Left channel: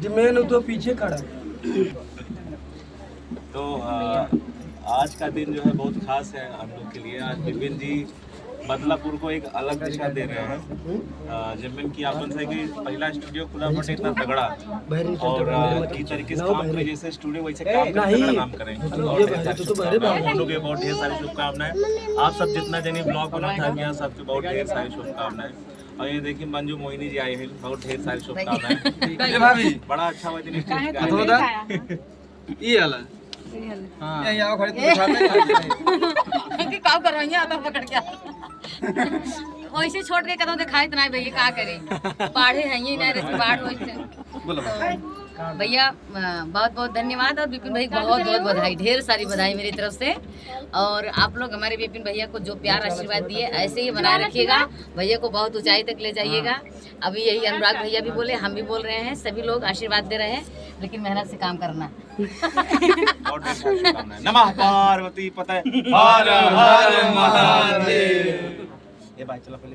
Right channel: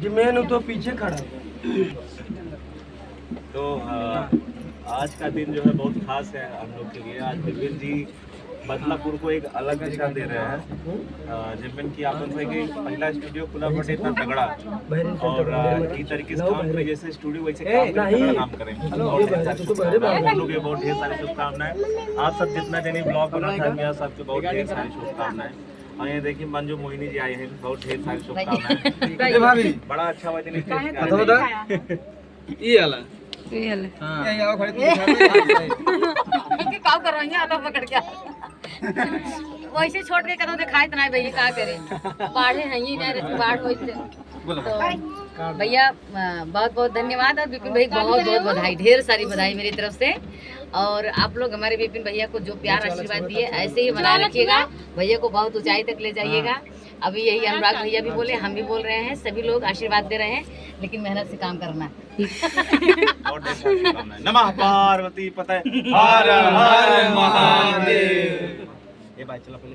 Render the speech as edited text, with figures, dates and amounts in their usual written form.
Zeeman तो पीछे खड़ा। तो आज का दिन जो है बहुत खास है हम लोग के लिए। आज जिमिन जी बदलापुर को एक अलग दिशा दे रहे हैं। जिमिन की आपन से कि पहला स्टूडियो खुला बटे इतना तगड़ा और की तरीके से काम करे, जैसे स्टूडियो वैसे काम करे, तगड़ा काम करें। और ढेर सारी शुभकामनाएं। हम लोग के बहुत ढेर सारी शुभकामनाएं। आप सब जितना जने ब्लॉग बना था यहाँ सबके बहुत ढेर सारी शुभकामनाएं। और ये देखिए मंजू मोहिनी जी आए हैं, बहुत ढेर सारी शुभकामनाएं। भाभी बड़ा अच्छा हुआ दिन ये वाला हां ये आओ खड़े तो दिखाते कि काम करवाइए आता पकड़ के वैसे छोड़ के कदम दिखाए तो नहीं भैया का करे बाढ़े हैं ही नहीं रही बाढ़ होते तो भैया बहुत बहुत धन्यवाद। और विपिन भाई बहुत बहुत बधाई, ढेर सारी बधाई मेरी तरफ से। और आप लोग हमारे विपिन भैया को जो प्यार आशीर्वाद दिए ऐसे ही बनाए रखिएगा, भैया को बहुत ऊंचाई तक ले जाइएगा। अभी यही अनुराग भैया भी बोले, हम भी बोल रहे हैं, सभी लोग आशीर्वाद दे रहे हैं, लेकिन मेहनत से काम करना। नमः पार्वती पतये हर हर महादेव। ये बात चलो पहले